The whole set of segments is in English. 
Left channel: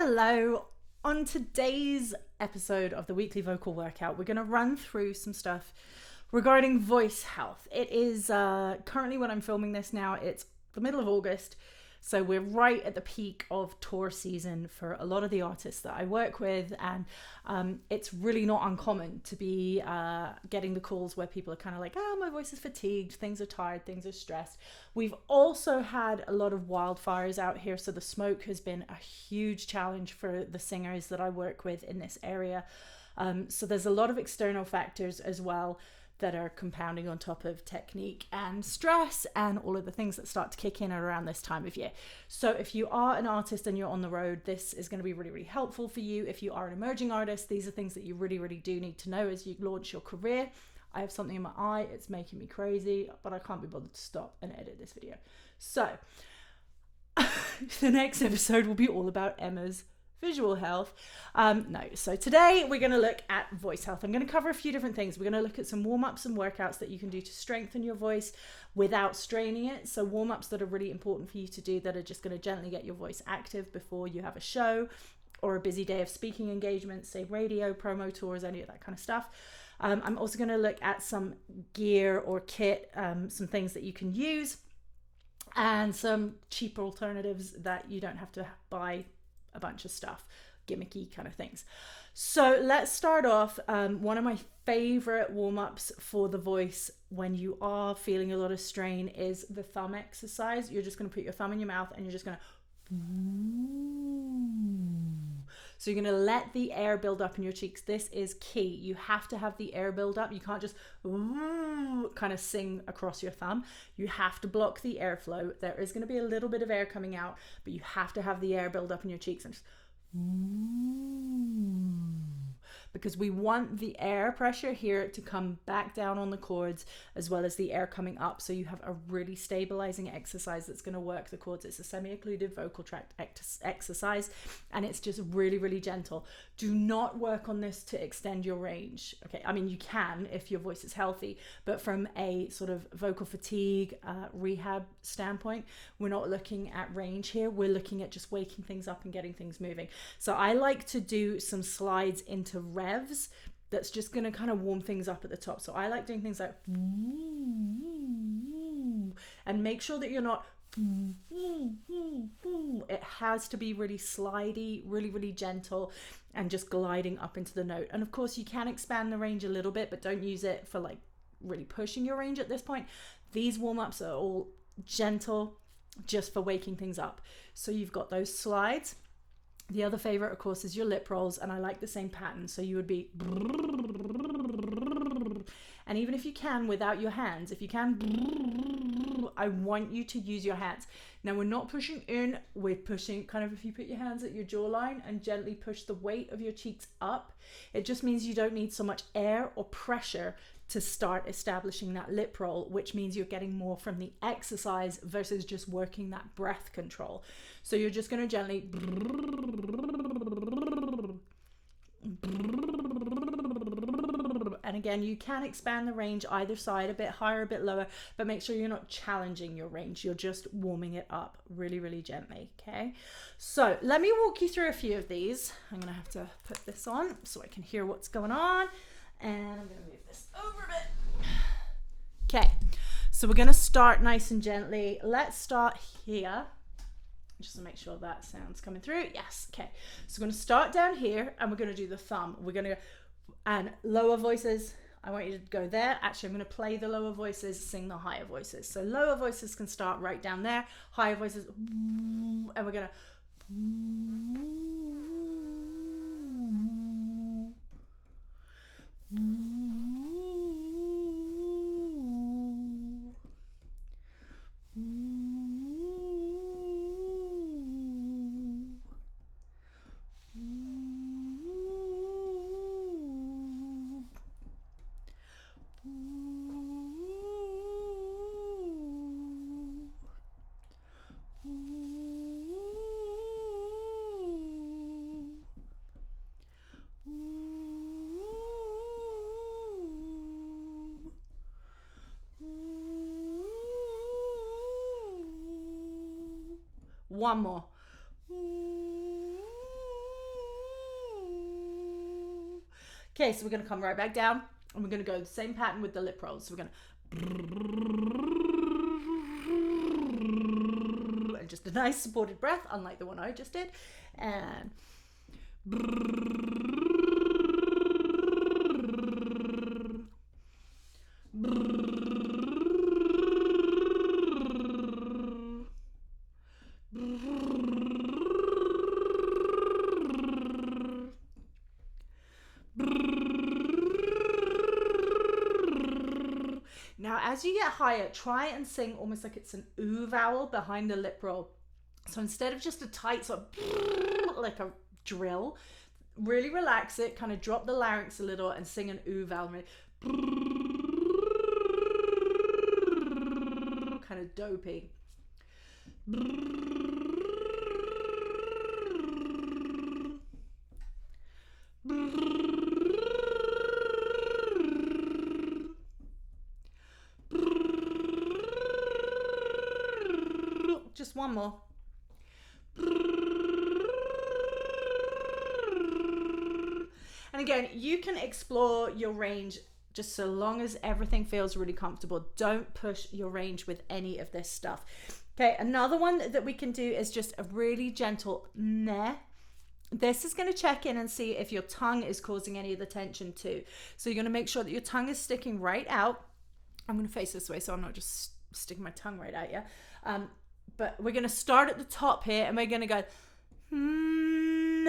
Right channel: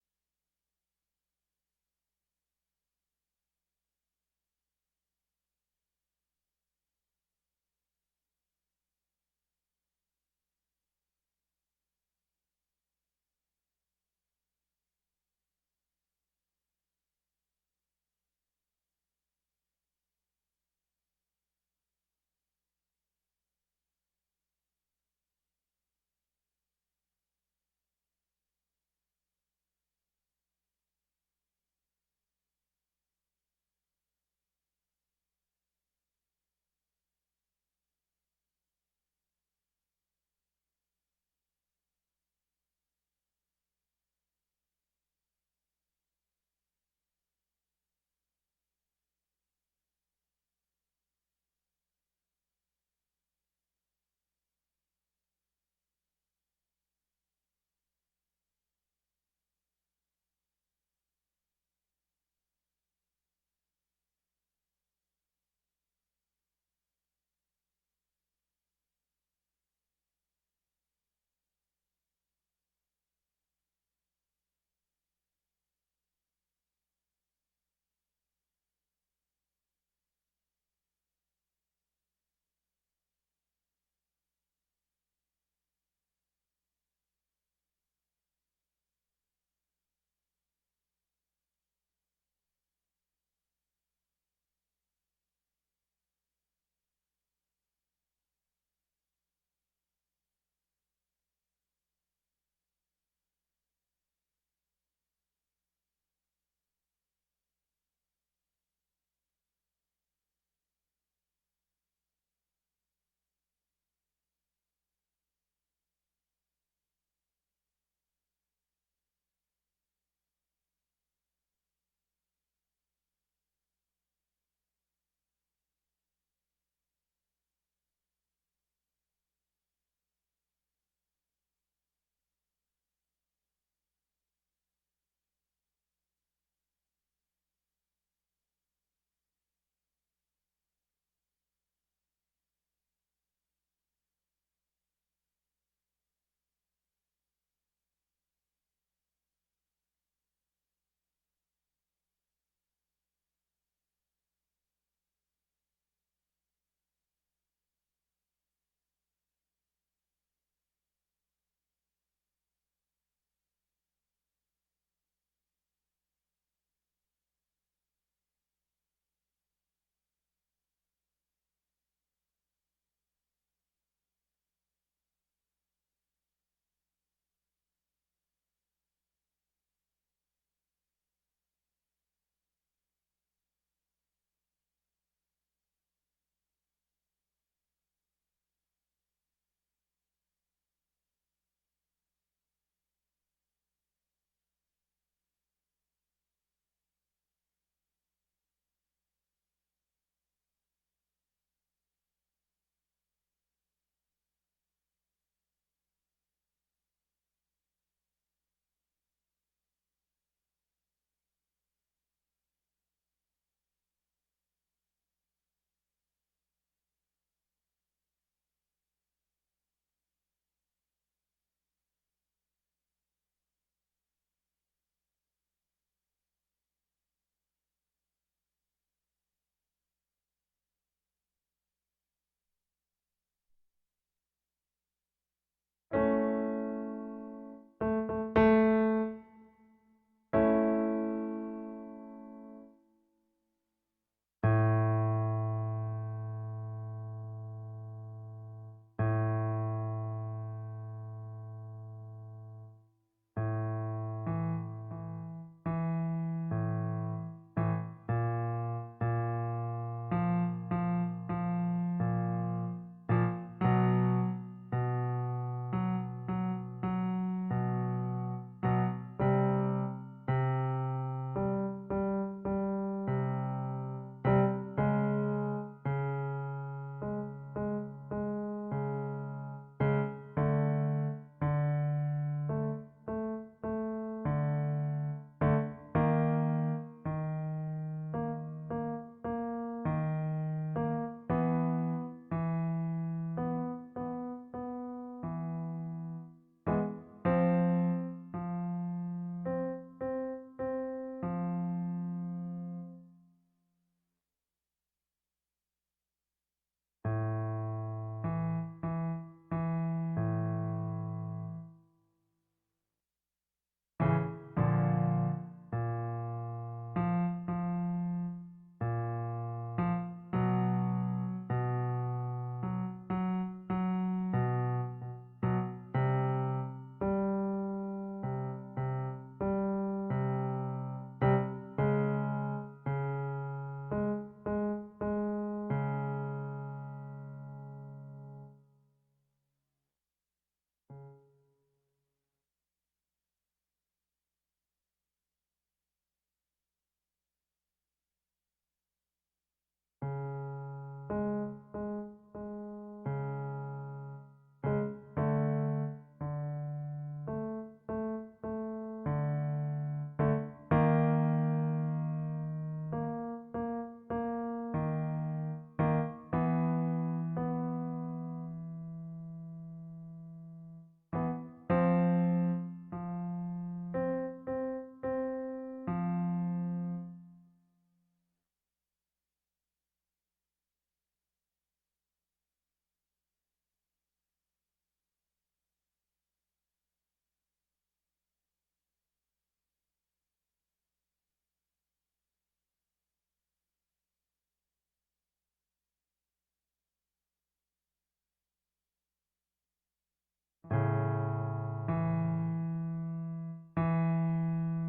Hello. On today's episode of the weekly vocal workout, we're going to run through some stuff regarding voice health. It is currently, when I'm filming this now, it's the middle of August. So we're right at the peak of tour season for a lot of the artists that I work with, and it's really not uncommon to be getting the calls where people are kind of like, oh, my voice is fatigued, things are tired, things are stressed. We've also had a lot of wildfires out here, so the smoke has been a huge challenge for the singers that I work with in this area. So there's a lot of external factors as well that are compounding on top of technique and stress and all of the things that start to kick in around this time of year. So if you are an artist and you're on the road, this is going to be really, really helpful for you. If you are an emerging artist, these are things that you really, really do need to know as you launch your career. I have something in my eye, it's making me crazy, but I can't be bothered to stop and edit this video. So the next episode will be all about Emma's visual health. So today we're going to look at voice health. I'm going to cover a few different things. We're going to look at some warm-ups and workouts that you can do to strengthen your voice without straining it. So warm-ups that are really important for you to do that are just going to gently get your voice active before you have a show or a busy day of speaking engagements, say radio, promo tours, any of that kind of stuff. I'm also going to look at some gear or kit, some things that you can use, and some cheaper alternatives that you don't have to buy a bunch of stuff, gimmicky kind of things. So let's start off. One of my favorite warm-ups for the voice when you are feeling a lot of strain is the thumb exercise. You're just going to put your thumb in your mouth and you're just going to so you're going to let the air build up in your cheeks. This is key. You have to have the air build up. You can't just kind of sing across your thumb. You have to block the airflow. There is going to be a little bit of air coming out, but you have to have the air build up in your cheeks and just because we want the air pressure here to come back down on the cords as well as the air coming up, so you have a really stabilizing exercise that's going to work the cords. It's a semi-occluded vocal tract exercise, and it's just really, really gentle. Do not work on this to extend your range. Okay, I mean, you can if your voice is healthy, but from a sort of vocal fatigue rehab standpoint, we're not looking at range here. We're looking at just waking things up and getting things moving. So I like to do some slides into revs that's just going to kind of warm things up at the top. So I like doing things like and make sure that you're not it has to be really slidey, really, really gentle, and just gliding up into the note. And of course you can expand the range a little bit, but don't use it for like really pushing your range at this point. These warm-ups are all gentle, just for waking things up. So you've got those slides. The other favorite, of course, is your lip rolls, and I like the same pattern. So you would be, and even if you can without your hands, if you can, I want you to use your hands. Now we're not pushing in, we're pushing kind of, if you put your hands at your jawline and gently push the weight of your cheeks up, it just means you don't need so much air or pressure to start establishing that lip roll, which means you're getting more from the exercise versus just working that breath control. So you're just going to gently, and again, you can expand the range either side, a bit higher, a bit lower, but make sure you're not challenging your range. You're just warming it up really, really gently. Okay. So let me walk you through a few of these. I'm going to have to put this on so I can hear what's going on. And I'm going to move this over a bit. Okay. So we're going to start nice and gently. Let's start here. Just to make sure that sound's coming through. Yes. Okay. So we're going to start down here and we're going to do the thumb. We're going to, and lower voices, I want you to go there. Actually, I'm going to play the lower voices, sing the higher voices. So lower voices can start right down there. Higher voices, and we're going to, Okay, so we're going to come right back down, and we're going to go the same pattern with the lip rolls. So we're going to, and just a nice supported breath, unlike the one I just did. And as you get higher, try and sing almost like it's an ooh vowel behind the lip roll. So instead of just a tight sort of like a drill, really relax it, kind of drop the larynx a little and sing an ooh vowel. Kind of dopey. Just one more. And again, you can explore your range just so long as everything feels really comfortable. Don't push your range with any of this stuff. Okay, another one that we can do is just a really gentle meh. This is going to check in and see if your tongue is causing any of the tension too. So you're going to make sure that your tongue is sticking right out. I'm going to face this way so I'm not just sticking my tongue right out, yeah? But we're going to start at the top here and we're going to go and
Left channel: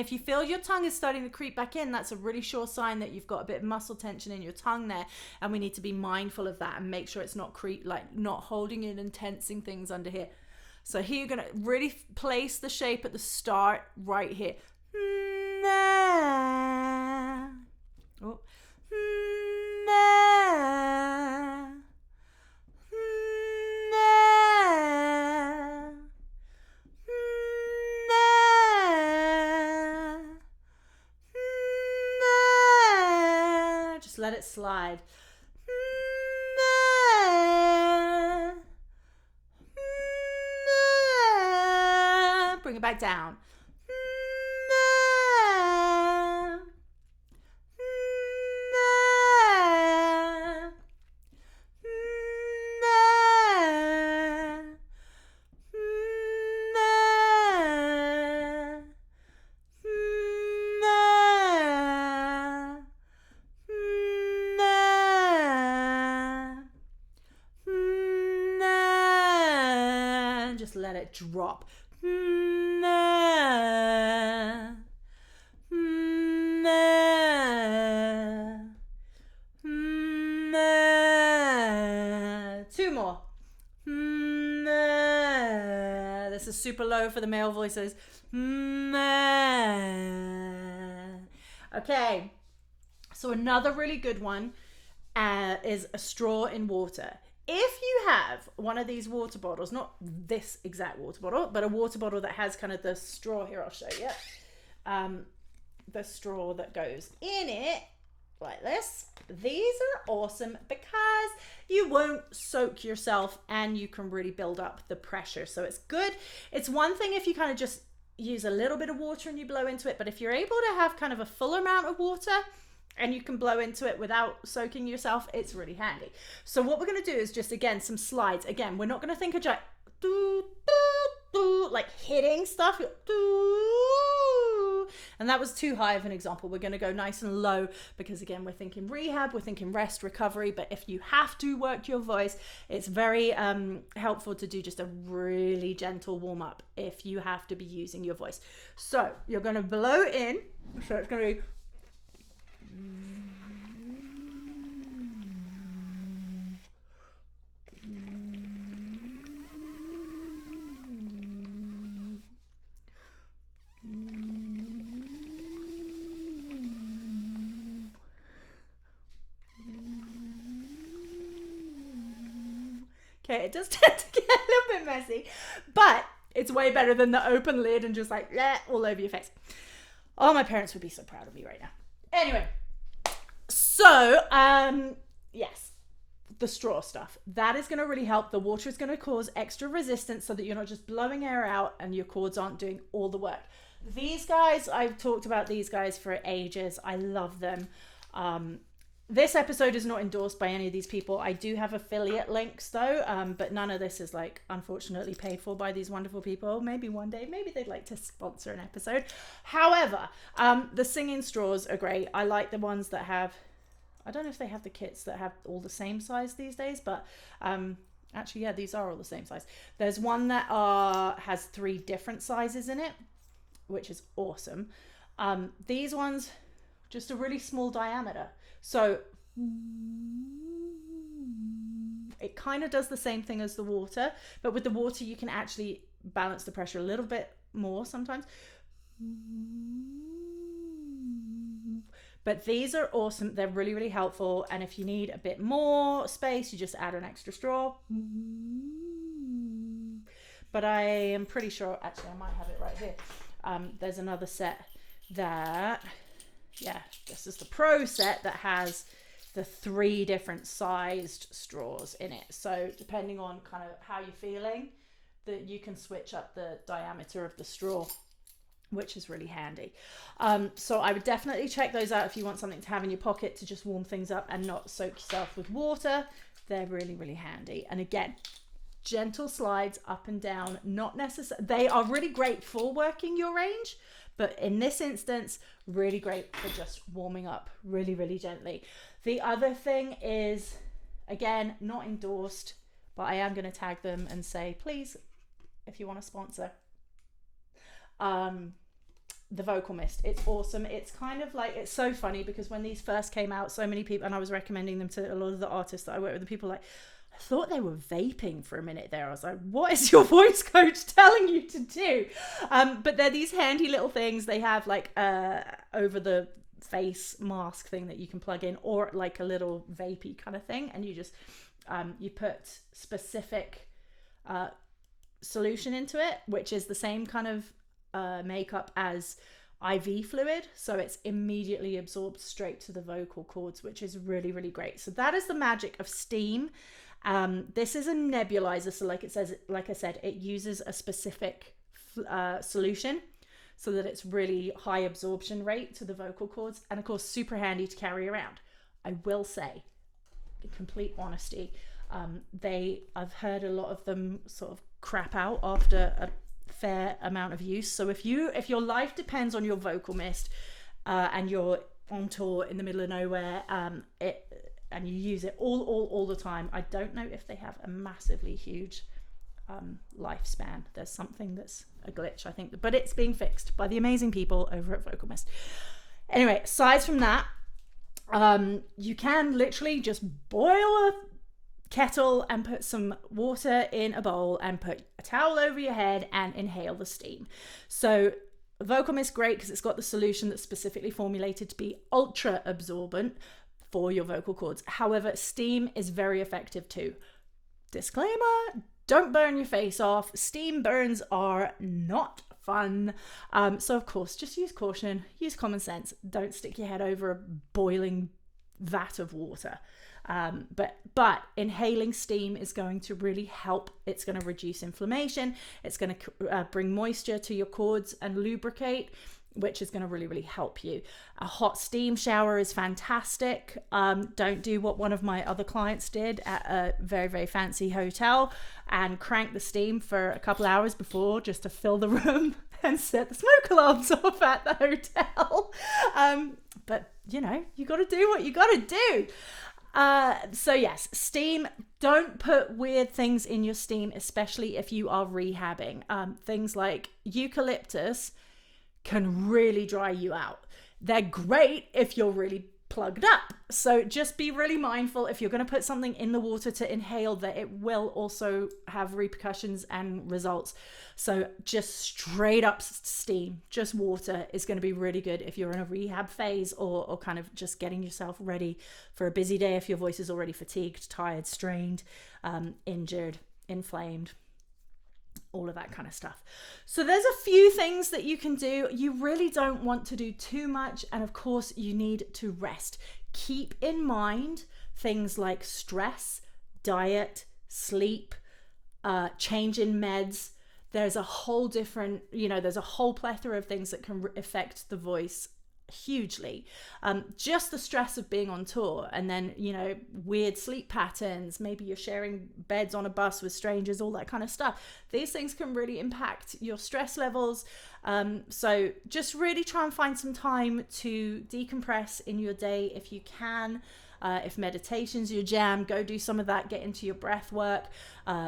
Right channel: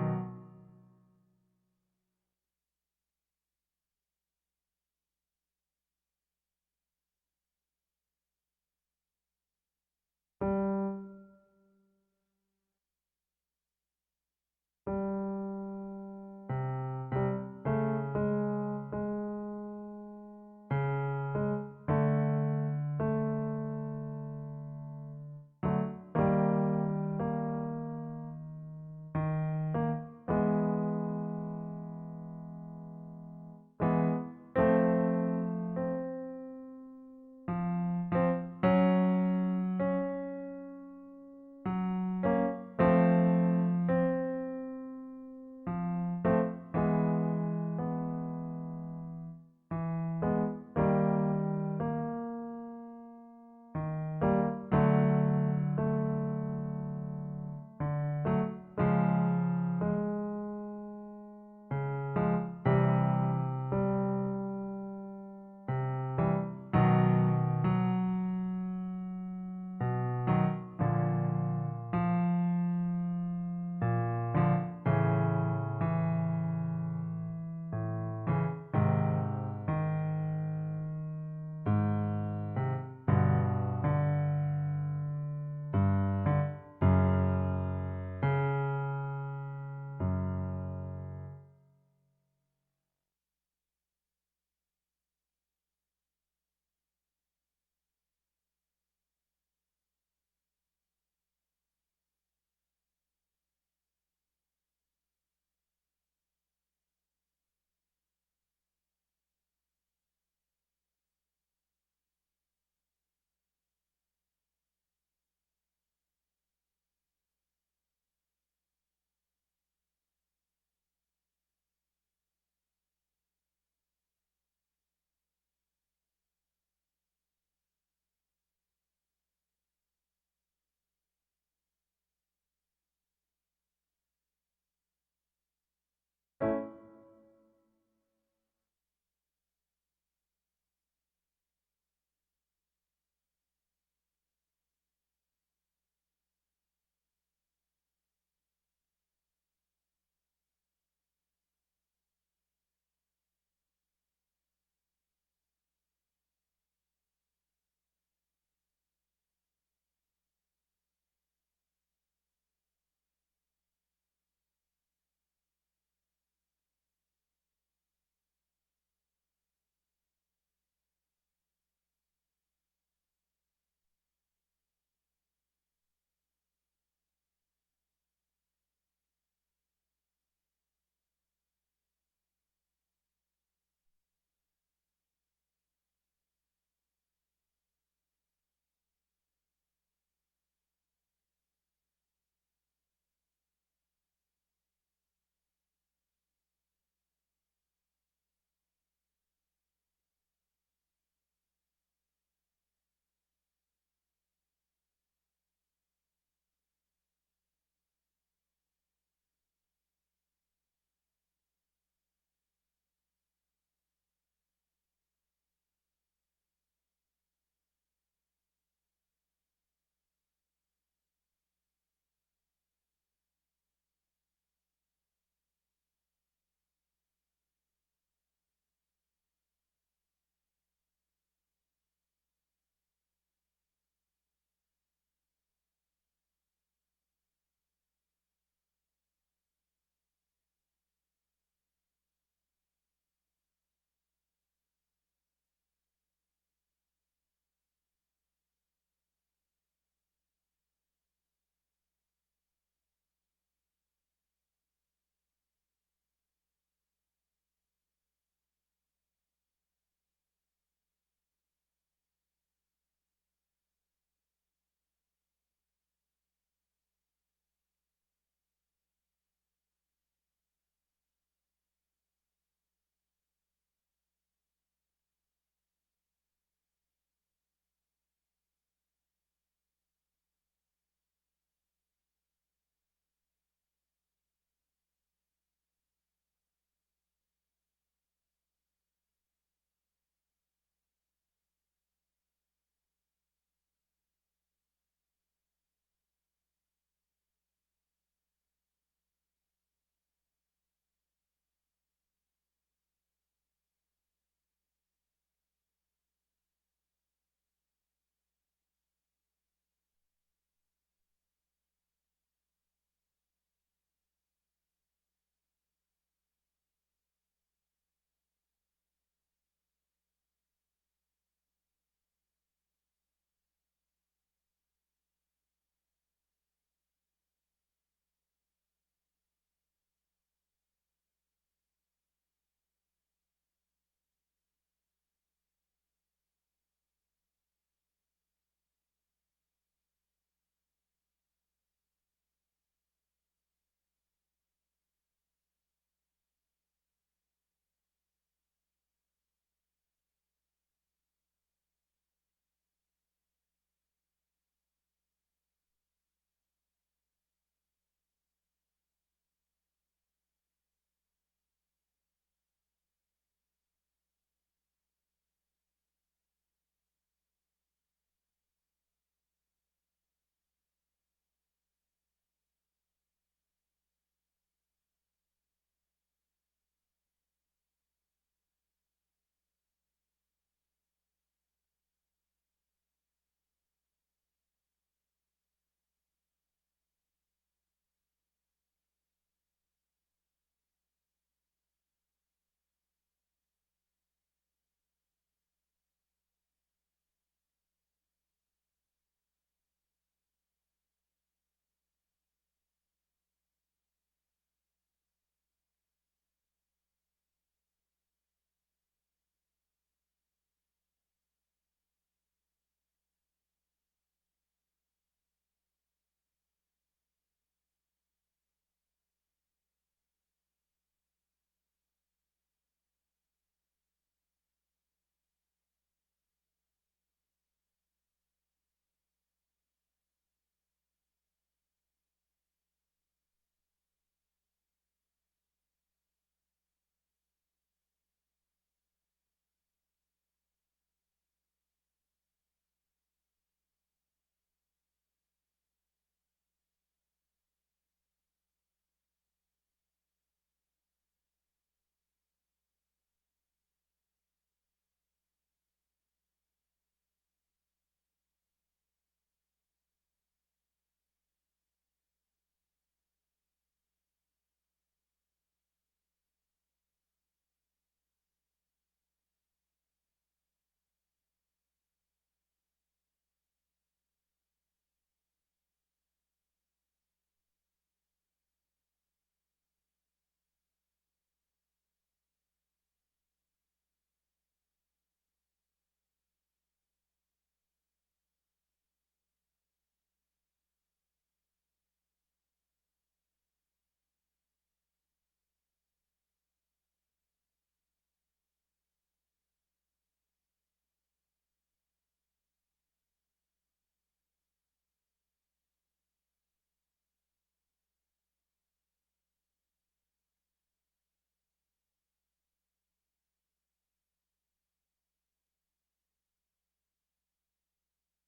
if you feel your tongue is starting to creep back in, that's a really sure sign that you've got a bit of muscle tension in your tongue there, and we need to be mindful of that and make sure it's not not holding it and tensing things under here. So here you're going to really place the shape at the start right here. Just let it slide. Bring it back down. Just let it drop. Two more. This is super low for the male voices. Okay, so another really good one is a straw in water. If you have one of these water bottles, not this exact water bottle, but a water bottle that has kind of the straw here, I'll show you. The straw that goes in it, like this. These are awesome because you won't soak yourself and you can really build up the pressure. So it's good. It's one thing if you kind of just use a little bit of water and you blow into it, but if you're able to have kind of a full amount of water and you can blow into it without soaking yourself, it's really handy. So what we're going to do is just, again, some slides. Again, we're not going to think of like hitting stuff. And that was too high of an example. We're going to go nice and low because, again, we're thinking rehab, we're thinking rest, recovery. But if you have to work your voice, it's very helpful to do just a really gentle warm up if you have to be using your voice. So you're going to blow in. So it's going to be... Okay, it does tend to get a little bit messy, but it's way better than the open lid and just like all over your face. Oh, my parents would be so proud of me right now. Anyway, so yes, the straw stuff. That is going to really help. The water is going to cause extra resistance so that you're not just blowing air out and your cords aren't doing all the work. These guys, I've talked about these guys for ages. I love them. This episode is not endorsed by any of these people. I do have affiliate links though, but none of this is like unfortunately paid for by these wonderful people. Maybe one day, maybe they'd like to sponsor an episode. However, the singing straws are great. I like the ones that have, I don't know if they have the kits that have all the same size these days, but actually, yeah, these are all the same size. There's one that has 3 different sizes in it, which is awesome. These ones, just a really small diameter. So it kind of does the same thing as the water, but with the water you can actually balance the pressure a little bit more sometimes. But these are awesome. They're really, really helpful. And if you need a bit more space, you just add an extra straw. But I am pretty sure, actually I might have it right here. There's another set that, yeah, this is the pro set that has the 3 different sized straws in it. So depending on kind of how you're feeling, that you can switch up the diameter of the straw, which is really handy. So I would definitely check those out if you want something to have in your pocket to just warm things up and not soak yourself with water. They're really, really handy. And again, gentle slides up and down, not necessary. They are really great for working your range, but in this instance, really great for just warming up really, really gently. The other thing is, again, not endorsed, but I am going to tag them and say, please, if you want to sponsor, the vocal mist. It's awesome. It's kind of like, it's so funny because when these first came out, so many people, and I was recommending them to a lot of the artists that I work with, and people were like, I thought they were vaping for a minute there. I was like, what is your voice coach telling you to do? But they're these handy little things. They have like over the face mask thing that you can plug in, or like a little vapey kind of thing, and you just you put specific solution into it, which is the same kind of makeup as IV fluid, so it's immediately absorbed straight to the vocal cords, which is really, really great. So that is the magic of steam. This is a nebulizer, so like I said, it uses a specific solution so that it's really high absorption rate to the vocal cords, and of course super handy to carry around. I will say, in complete honesty, I've heard a lot of them sort of crap out after a fair amount of use. So if your life depends on your vocal mist and you're on tour in the middle of nowhere, and you use it all the time, I don't know if they have a massively huge lifespan. There's something that's a glitch, I think, but it's being fixed by the amazing people over at Vocal Mist. Anyway, aside from that, you can literally just boil a kettle and put some water in a bowl and put a towel over your head and inhale the steam. So Vocal Mist, great because it's got the solution that's specifically formulated to be ultra absorbent for your vocal cords. However, steam is very effective too. Disclaimer, don't burn your face off. Steam burns are not fun. So of course, just use caution, use common sense. Don't stick your head over a boiling vat of water. But inhaling steam is going to really help. It's going to reduce inflammation. It's going to bring moisture to your cords and lubricate, which is going to really, really help you. A hot steam shower is fantastic. Don't do what one of my other clients did at a very, very fancy hotel and crank the steam for a couple hours before just to fill the room and set the smoke alarms off at the hotel. But you know, you got to do what you got to do. So yes, steam, don't put weird things in your steam, especially if you are rehabbing. Things like eucalyptus can really dry you out. They're great if you're really plugged up. So just be really mindful if you're going to put something in the water to inhale that it will also have repercussions and results. So just straight up steam, just water is going to be really good if you're in a rehab phase or kind of just getting yourself ready for a busy day if your voice is already fatigued, tired, strained, injured, inflamed, all of that kind of stuff. So there's a few things that you can do. You really don't want to do too much. And of course you need to rest. Keep in mind things like stress, diet, sleep, change in meds. There's a whole different, there's a whole plethora of things that can affect the voice hugely. Just the stress of being on tour, and then weird sleep patterns, maybe you're sharing beds on a bus with strangers, all that kind of stuff. These things can really impact your stress levels. So just really try and find some time to decompress in your day if you can. If meditation's your jam, go do some of that. Get into your breath work,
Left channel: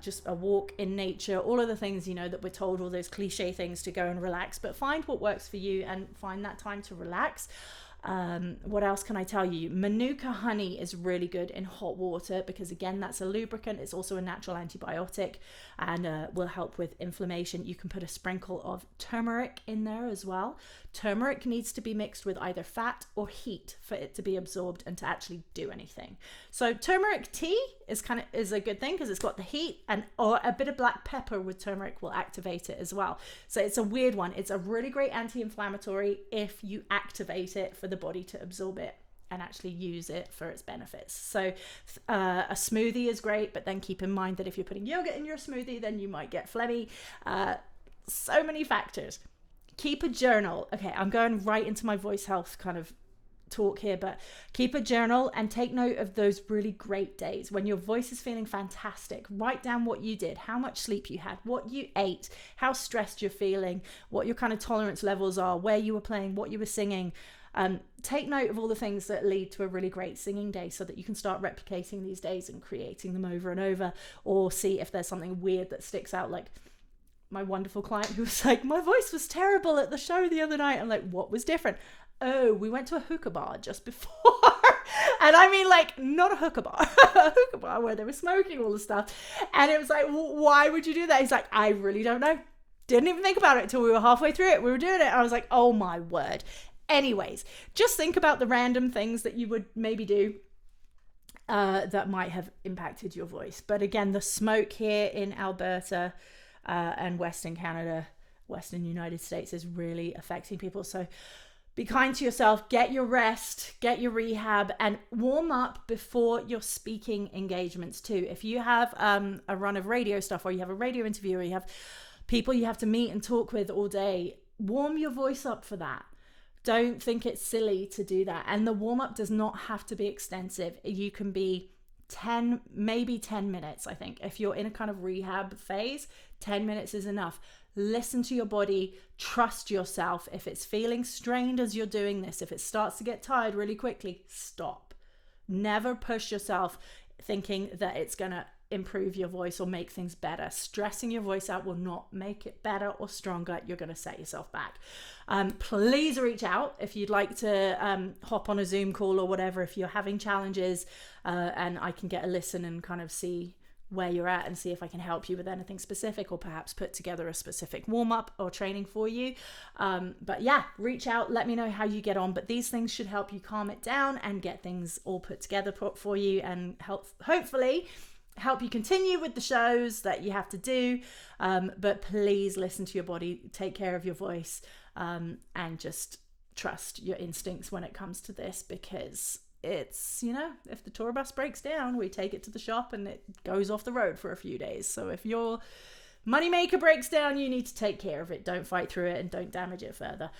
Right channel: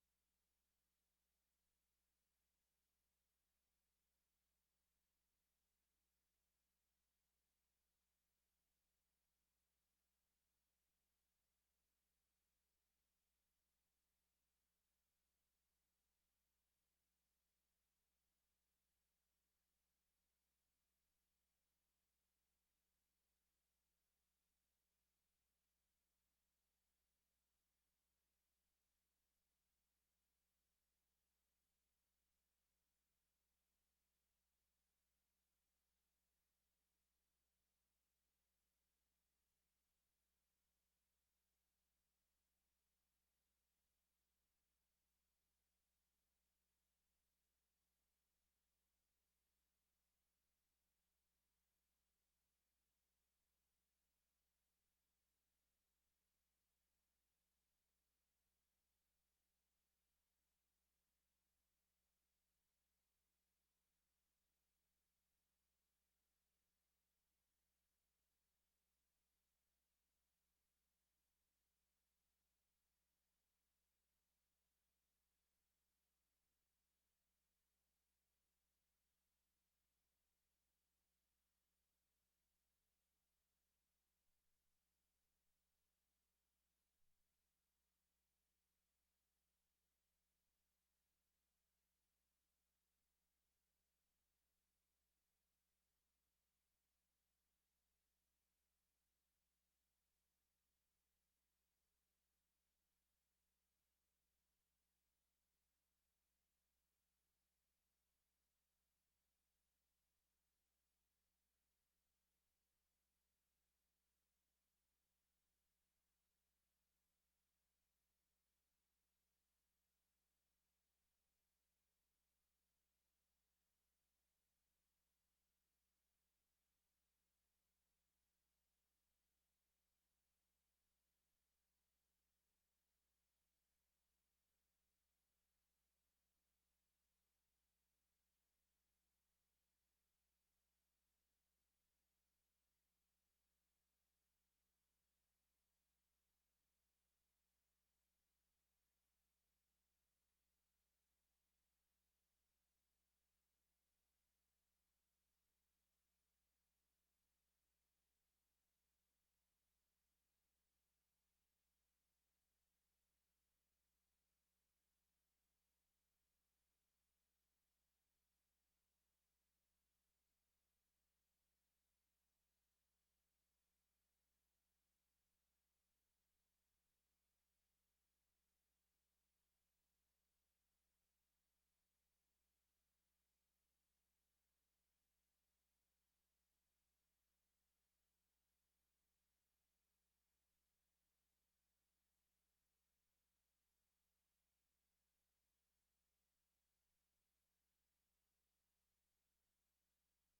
just a walk in nature, all of the things that we're told, all those cliche things to go and relax. But find what works for you and find that time to relax. What else can I tell you? Manuka honey is really good in hot water because, again, that's a lubricant. It's also a natural antibiotic and will help with inflammation. You can put a sprinkle of turmeric in there as well. Turmeric needs to be mixed with either fat or heat for it to be absorbed and to actually do anything. So turmeric tea is a good thing because it's got the heat, or a bit of black pepper with turmeric will activate it as well. So it's a weird one. It's a really great anti-inflammatory if you activate it for the body to absorb it and actually use it for its benefits. So a smoothie is great, but then keep in mind that if you're putting yogurt in your smoothie, then you might get phlegmy. So many factors. Keep a journal. Okay, I'm going right into my voice health kind of talk here, but keep a journal and take note of those really great days when your voice is feeling fantastic. Write down what you did, how much sleep you had, what you ate, how stressed you're feeling, what your kind of tolerance levels are, where you were playing, what you were singing. Take note of all the things that lead to a really great singing day so that you can start replicating these days and creating them over and over, or see if there's something weird that sticks out. Like my wonderful client who was like, my voice was terrible at the show the other night. I'm like, what was different? Oh, we went to a hookah bar just before. And I mean, like, not a hookah bar, a hookah bar where they were smoking all the stuff. And it was like, why would you do that? He's like, I really don't know. Didn't even think about it until we were halfway through it. We were doing it. I was like, oh my word. Anyways, just think about the random things that you would maybe do that might have impacted your voice. But again, the smoke here in Alberta and Western Canada, Western United States is really affecting people. So be kind to yourself, get your rest, get your rehab, and warm up before your speaking engagements too. If you have a run of radio stuff, or you have a radio interview, or you have people you have to meet and talk with all day, warm your voice up for that. Don't think it's silly to do that. And the warm up does not have to be extensive. You can be 10 minutes, I think. If you're in a kind of rehab phase, 10 minutes is enough. Listen to your body, trust yourself. If it's feeling strained as you're doing this, if it starts to get tired really quickly, stop. Never push yourself thinking that it's going to improve your voice or make things better. Stressing your voice out will not make it better or stronger. You're going to set yourself back. Please reach out if you'd like to hop on a Zoom call or whatever, if you're having challenges, and I can get a listen and kind of see where you're at and see if I can help you with anything specific, or perhaps put together a specific warm-up or training for you. But yeah, reach out, let me know how you get on. But these things should help you calm it down and get things all put together for you, and hopefully help you continue with the shows that you have to do. But please listen to your body, take care of your voice, and just trust your instincts when it comes to this, because it's, if the tour bus breaks down, we take it to the shop and it goes off the road for a few days. So if your moneymaker breaks down, you need to take care of it. Don't fight through it and don't damage it further.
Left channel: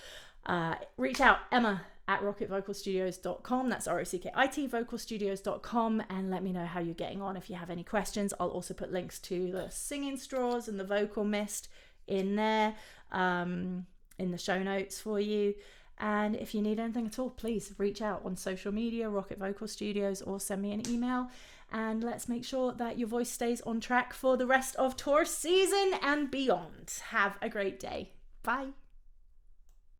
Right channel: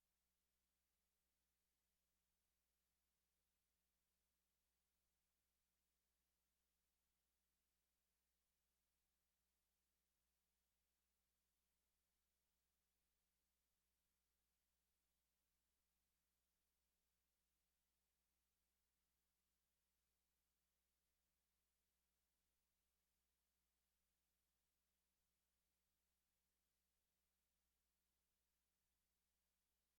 Reach out, Emma at rockitvocalstudios.com. That's ROCKIT vocalstudios.com, and let me know how you're getting on if you have any questions. I'll also put links to the singing straws and the vocal mist in there, in the show notes for you. And if you need anything at all, please reach out on social media, Rocket Vocal Studios, or send me an email, and let's make sure that your voice stays on track for the rest of tour season and beyond. Have a great day. Bye.